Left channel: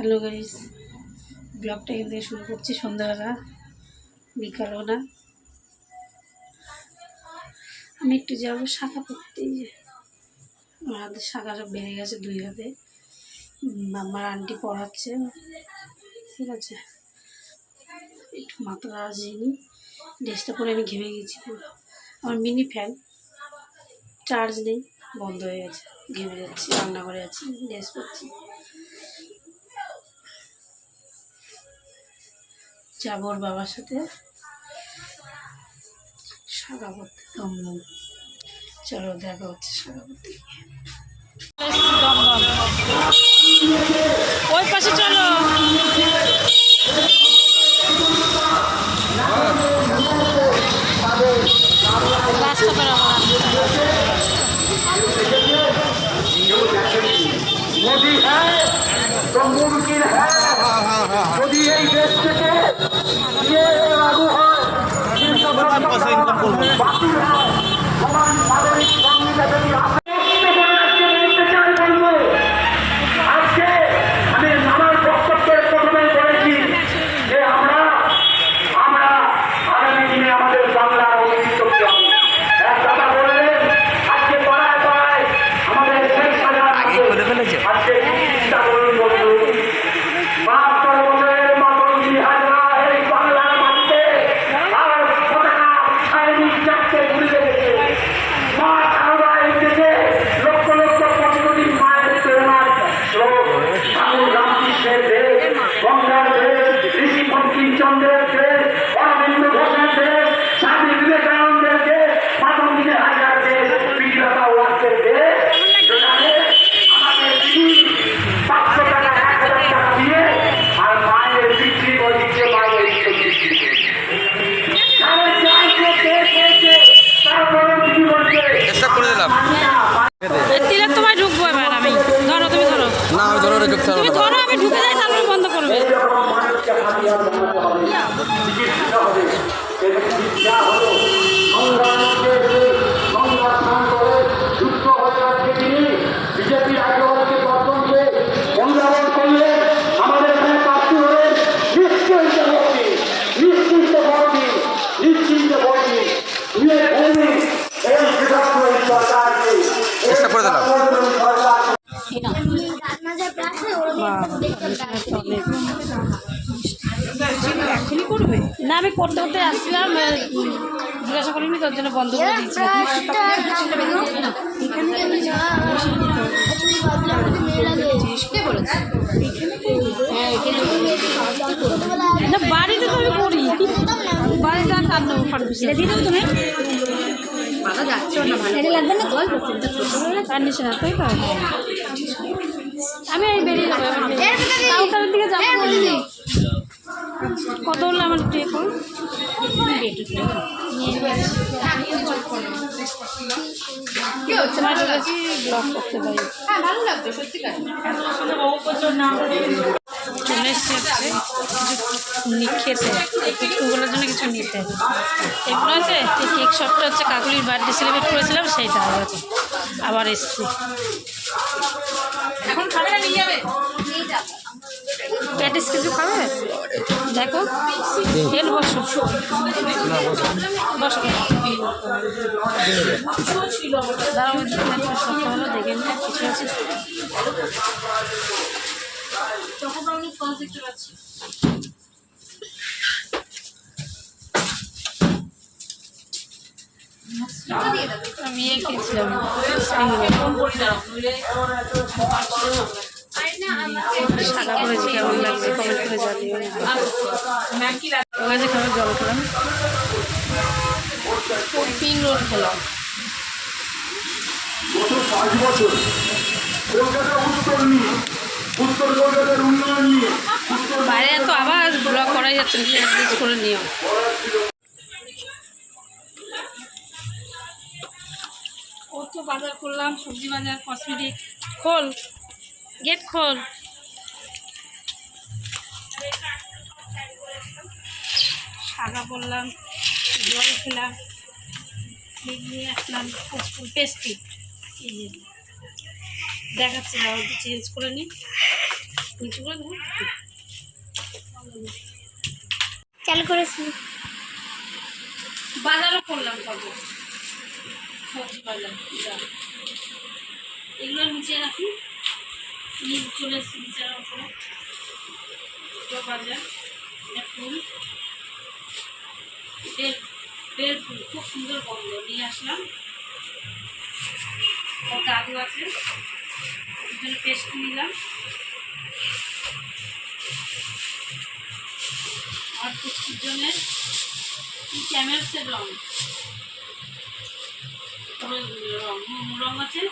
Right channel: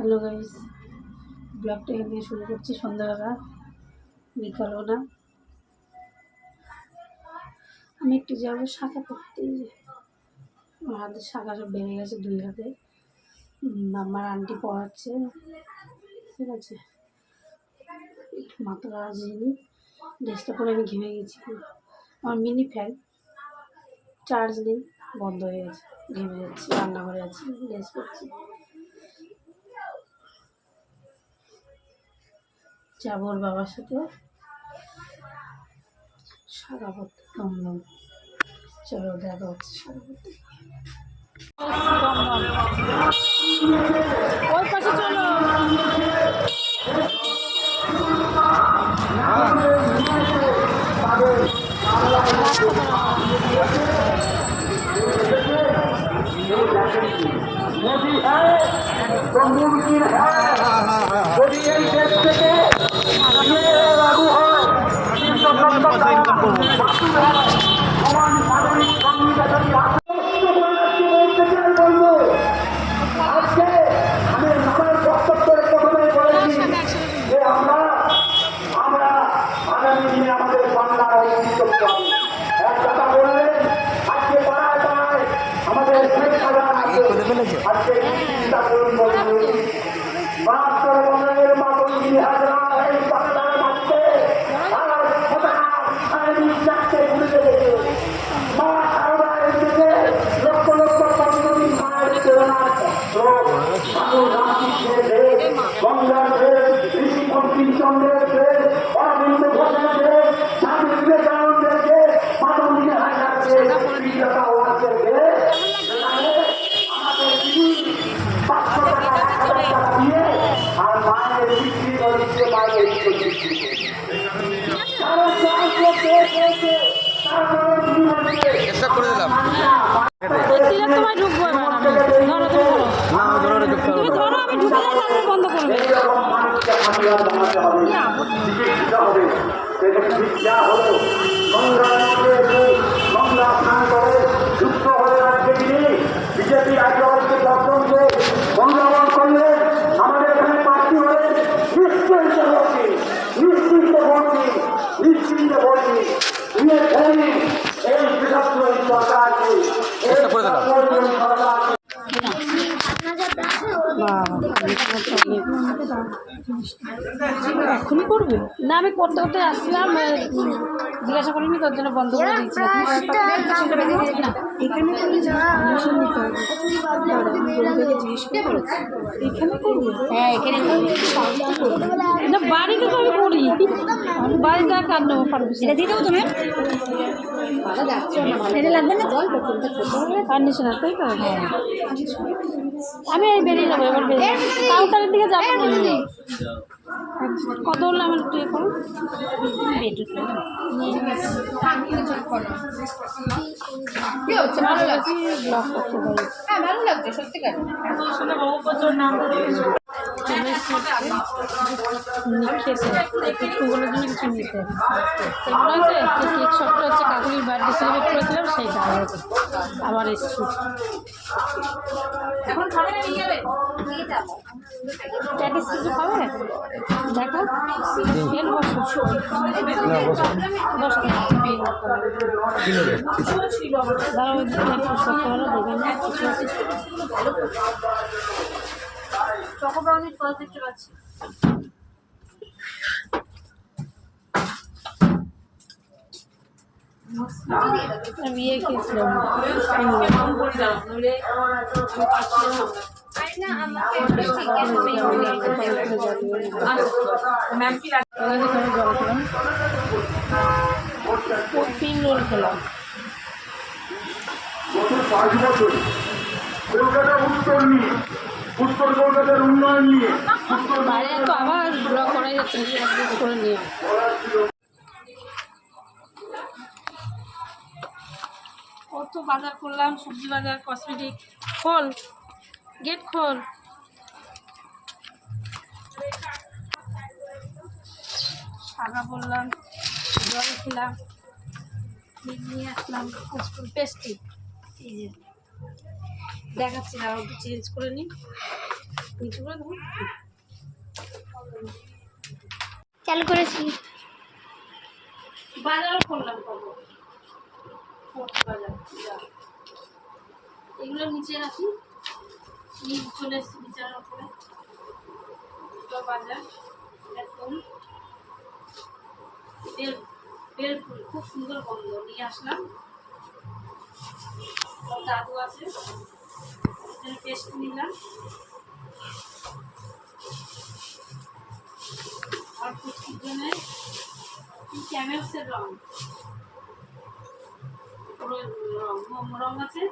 Hello guys, ব্লগটা এখান থেকে শুরু করছি। সন্ধ্যাবেলা, বিকালও না, আমি একটু যাবো শাখা পড়তে। আমার হাতে শাখা সব বেড়ে গেছে, 2 হাতে। আমার আন্টি পড়াচ্ছে, ঠিক আছে। একটু মাথাটা আসেনি, ড্রেসটা পরে আমি ঘেমে গেছি পুরো। আমার মিনি ফ্যান চার্জ নেই, বন্ধ হয়ে গেছে, ঘেমে যাচ্ছি। রান্নাঘরে আছি, ড্রেস পরছি, যাবো ওর বাবার সাথে শাখা পড়তে দমদম। চলো দেখা হচ্ছে শাখা পড়তে। দমদম ওই পাশে চলো, রাস্তা मोदी है तो मुमकिन है যদি এই দেশ থেকে ये लागू হয় কিন্তু বাতিল হয় সমান নাগরিক সংবিধান যদি আজকে আমি আমার বক্তব্যের প্রথমে বলেছি যে আমরা আগামী দিনে আমাদের বাংলার অস্তিত্ব হবে। এক কথা বললেন আজকে পাড়ায় পাড়ায় আমাদের শেখ হাজার আজকে চিন্তা করুন বন্ধু, 72 বছরের মতন 2000 এই বাংলার মাটিতে আর পতাকা সাইনিক চারটে ঘুরে গেছে। মা সারদা এই দেশে লক্ষ লক্ষ কোটি মায়ের প্রেরণার ঠাকুর রামকৃষ্ণের দেশ, গঙ্গার দেশ, ঋষি বঙ্কিমচন্দ্রের দেশ, অরবিন্দ ঘোষের দেশ, স্বামী বিবেকানন্দের দেশ, মাতঙ্গিনী হাজরার দেশ, বিক্রতা ওয়াসের দেশ। আমাদের দিদি 500 টাকা 1000 টাকা দিয়ে আর মায়ের বিক্রি করে দিচ্ছে, মায়ের ইজ্জত বিক্রি তিলক তোমায় ঢুকবো এবার আমি। ধরো, তুমি ধরো, তুমি ধরো, আমি ঢুকে যাই, তারপরে বন্ধ করবে। বিজেপি রাজ্যকে বর্তমান সংগ্রাম করলে আমাদের এখানে প্রার্থী হলে নিশ্চিন্ত ভোটী, নিশ্চিন্ত ভোটী, নিশ্চিন্ত ভোটী এই বিভক্ত এই সরকারকে এখনই করবে না? আমি করতে করতে আসছিলাম, জিজ্ঞাসা করিনি, তোর জন্য বন্ধ করে দিয়েছি। না, বাড়িতে তো আমি করি, বাড়িতে আর কাঁদ নেবো, পারবি দিয়ে দেবো তুমি। লাগবে না আর নিচে না, তাই তো? আমি এই বেরিয়ে যাবো এবার, কাউন্টারের দিকে যাবো। কত হলো আমার একটু করুন, ব্লগ করতে পারি। চলে এসেছে খেতে, কুকুরের জন্য কিছু নিতে। এগুলো আছে, এই কেক শপটা হচ্ছে কাকুলির বার্থডে সেলিব্রেট করেছিলাম, সেইটা আবার এসছি। প্যাটিস কিছু খাবে? দেখো, এর বসো বসো, দাঁড়াও, সত্য হলো দেখে নিয়ে কিছু আছে। আমি ইয়ে খেয়েছিলাম, শাখা করেছি, কেমন লাগছে কমেন্ট করে জানিও। ওখানে খাবার জল খেলাম, স্প্রিং রোল খেলাম। গত 5 বছর কলকাতা উত্তর নিয়ে, উত্তর কলকাতার উন্নয়ন নিয়ে বাইরে তো আবার ব্লগ করাই যাচ্ছে না, অ্যাডজাস্ট করে নিও। কত বাজার করলাম, সবজি বাজার, কসমেটিক। খোল, গেট খোল। শাখা পড়লাম, জল খেলাম, নিয়ে আসলাম পেস্ট্রি। দেখাচ্ছি না, চেঞ্জ করে নিই। নিচু করে দেবো। চালু করেছি। বাজারও করলাম কবে, সবজি বাজার যা এগুলো নিচে রাখি, নিচে চলে এসছি নিচের ওপরে বাজার। ফুল বেল ফুল খুব সুন্দর গন্ধ, নিয়ে আসলাম। ওর দাদু আছে, ওর জন্য পেস্ট নিলাম। আর পুষ্টির জন্য ক্যামেলসের রং, রং আছে।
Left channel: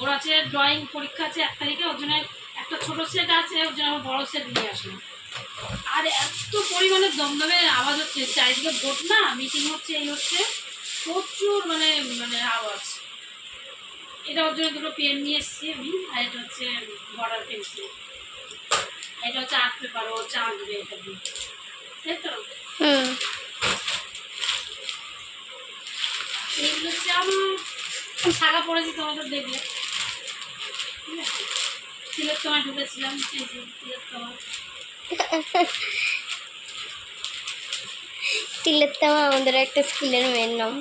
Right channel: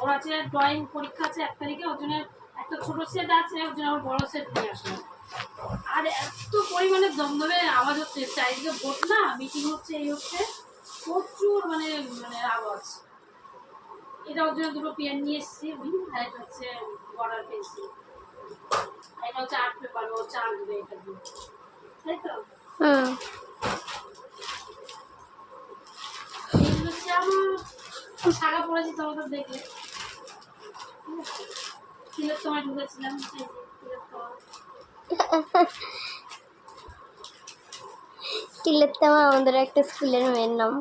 ওর আছে ড্রয়িং পরীক্ষা আছে 1 তারিখে, ওর জন্য একটা ছোট সেট আছে, ওর জন্য আমার বড় সেট নিয়ে আসলাম। আর এত পরিমাণে দমদমে আওয়াজ হচ্ছে, চারিদিকে ভোট না, মিটিং হচ্ছে, এই হচ্ছে, প্রচুর মানে মানে আওয়াজ। এটা ওর জন্য দুটো পেন নিয়ে এসেছি আমি, আর এটা হচ্ছে বর্ডার পেন্সিল, এটা হচ্ছে আর্ট পেপার, ও হচ্ছে আঁকবে এটা দিয়ে, তাই তো। এগুলো হচ্ছে আমার শাখা পড়েছি, তোমাদের দেখলে তিলের তোমায় ঢুকেছিলাম, এই যে তিলের তোমায়। তিলের তামা আমাদের একটা স্কুলের মেয়ের নাম।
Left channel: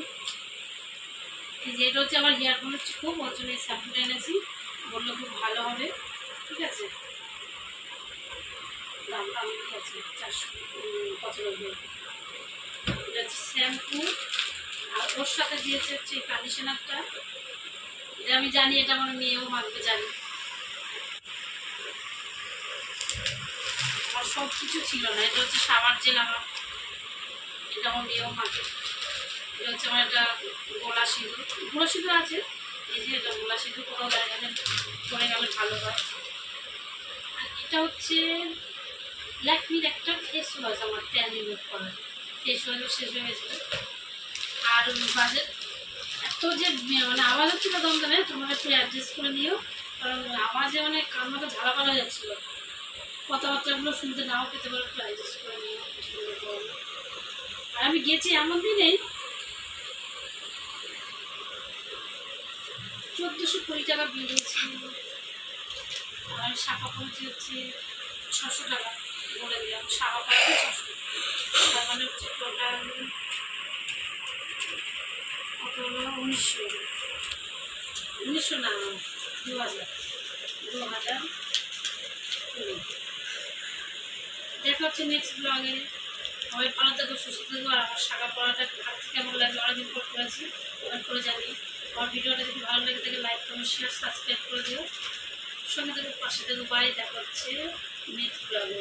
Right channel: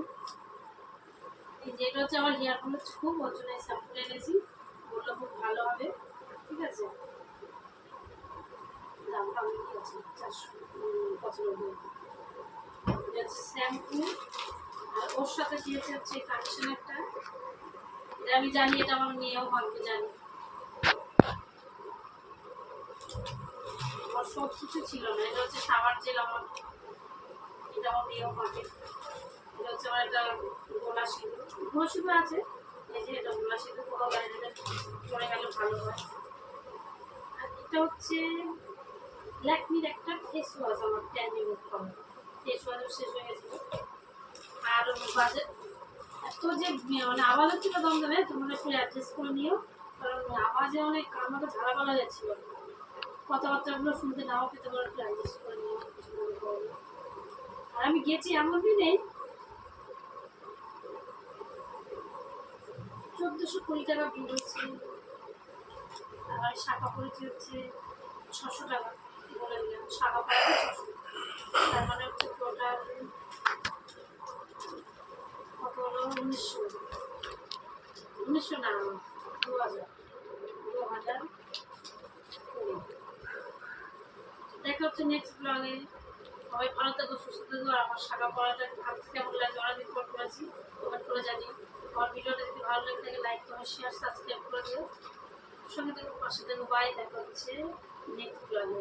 এই যে এটা হচ্ছে আমার হেয়ার ফল হচ্ছে খুব, ওর জন্য এই শ্যাম্পুটা এনেছি, বললো খুব ভালো হবে, ঠিক আছে। দামটা আমি আছে 495। এটা হচ্ছে শ্যাম্পু, আর ওর সাথে দিয়েছে হচ্ছে এই কন্ডিশনারটা। এটা আমি জানি, এটা আমার মেয়েও মাখবে জানি। আমার সব কিছু ছিল না। এটা হচ্ছে শাওয়ার জেল আমার, এটা আমার মেয়েও মাখে। এটা হচ্ছে আমার একটা গোলা সিঁদুর, গুঁড়ো সিঁদুর আছে, এই যে এটা গোলা সিঁদুর, কোথাও দাঁড়িয়ে পরে গেলে ভালো হয়। আর এটা হচ্ছে ল্যাকমির একটা ফেস ওয়াশ, আমার ট্যান রিমুভ করার ফেস ওয়াশও শেষ হয়ে গেছিলো। আর বাজে এত যে মানে আওয়াজ হচ্ছিলো দমদমে, তোমরা একটু অ্যাডজাস্ট করে নিও, কারণ আওয়াজে মানে কান মতো ঝালাপালা হয়ে যাচ্ছিলো, কথাবার্তাগুলো শুনতে নাও পেতে পারো, একটু অ্যাডজাস্ট করে নিও। আর আমি গেছি এমন দিনেই 1420 টাকা বিল হয়েছে, আর শাখা পড়েছে হচ্ছে 600 টাকা, বলে দিলাম শাখা পড়েছে 600, তার মানে হচ্ছে টোটাল কত হলো 1900 না 2000 দেখা হচ্ছে নেক্সট ব্লগে। সবাই ভালো থাকো, সুস্থ থাকো। আর আমার শাখা পড়াটা ভাবতে কেমন লাগলো, অনেকদিন পর করেছি, কমেন্ট করে জানি। আমার ভিডিওটা যদি ভালো লাগে থাকে লাইক কমেন্ট শেয়ার সাবস্ক্রাইব করে দিও, সঙ্গে থেকে পাশে থেকে। বাই, দেখা হচ্ছে নেক্সট ব্লগে।